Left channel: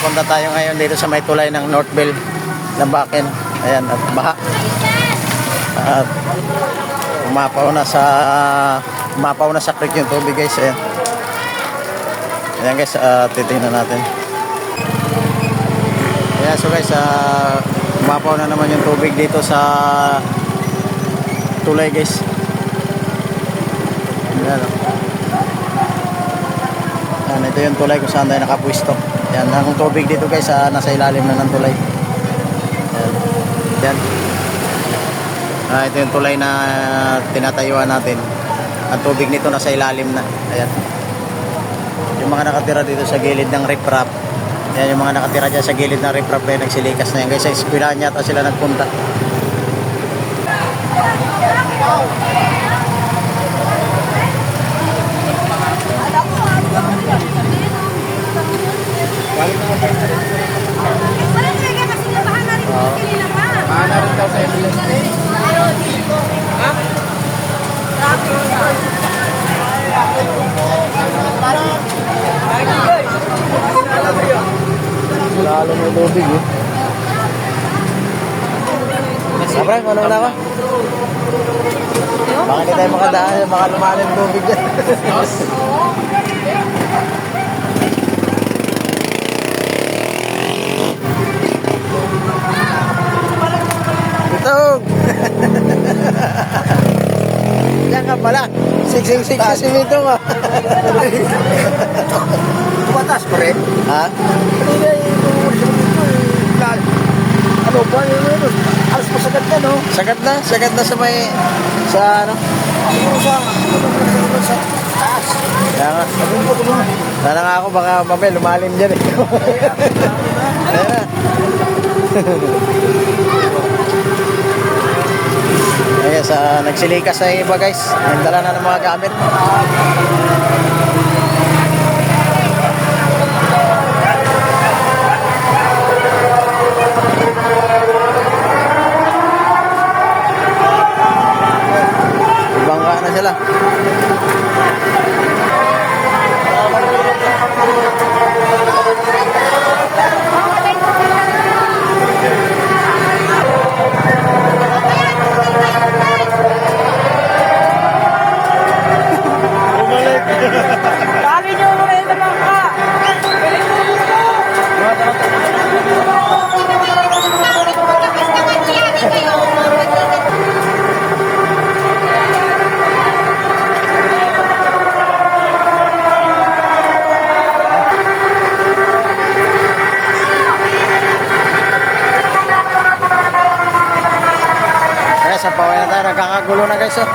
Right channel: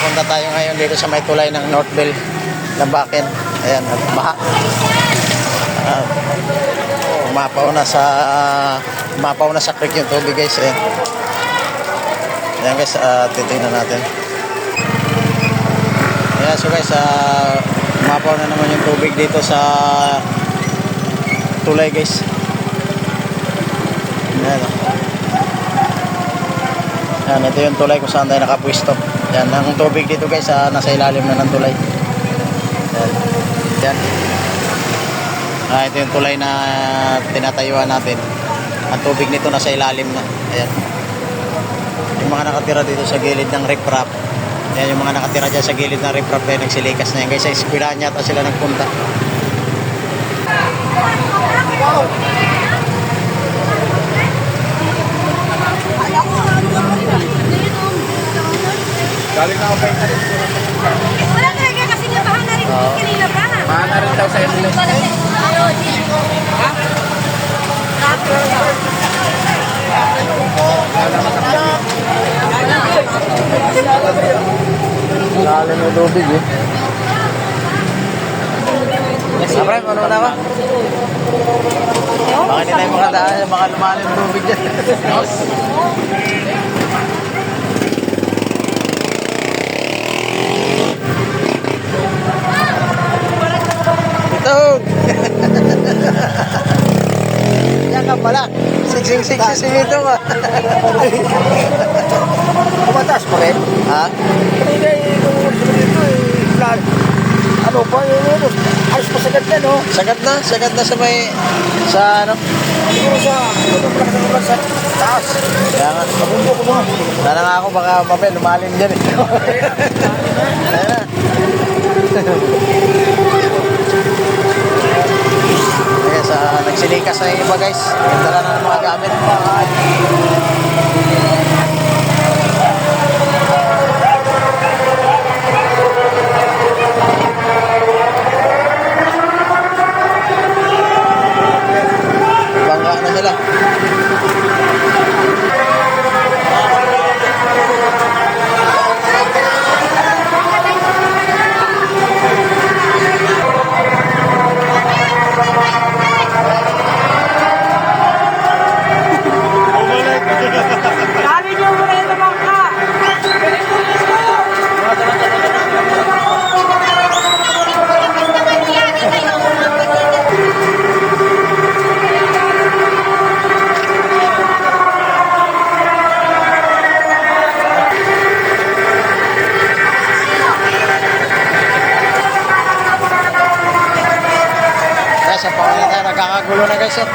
Punta tayo ngayon dito sa may tulay ng Northville, Lambacan. Ayan, baha. At umapaw na sa creek yung tubig, guys. Ayan. Ayan, guys, titingnan natin. Ayan, so guys, umapaw na naman yung tubig dito sa tulay, guys. Ayan. Ayan, ito yung tulay kung saan tayo nakapwisto. Ayan, ang tubig dito, guys, nasa ilalim na ng tulay. Ayan. Ayan. Ito yung tulay na tinatayuan natin. Ang tubig nito nasa ilalim na. Ayan. Yung mga nakatira dito sa gilid ng riprap. Ayan, yung mga nagatira dyan sa gilid ng riprap na nagsilikas na yan. Guys, sa eskwelahan yata sila nagpunta. Galing na ako kayo. Wala talaga kasi nabahan na rin kanina pa. Bahan na rin daw sa SLS. Lalim yung tubig, eh. Sabray, ano na ka? Baka hindi tayo makadaan sa mga lumalim tubig dyan. Itog! Yan ka pala. Siksik sa simito ka. Tumatas pa rin. Ha? Ano ba yun? Alas pa sagad na, no? Sagad na sa may, sa ano? Siguro sa taas. Kaya nga ako baka mamaya lumalim dyan, eh. Ayan. Ayan, nagsilikas na yung iba, guys. Yung dala na ng mga gamit. Bangga na sila. Dali niyo muna yung naman ka. Kaya sa pangalan tayo, nagkakagulo na, guys, eh.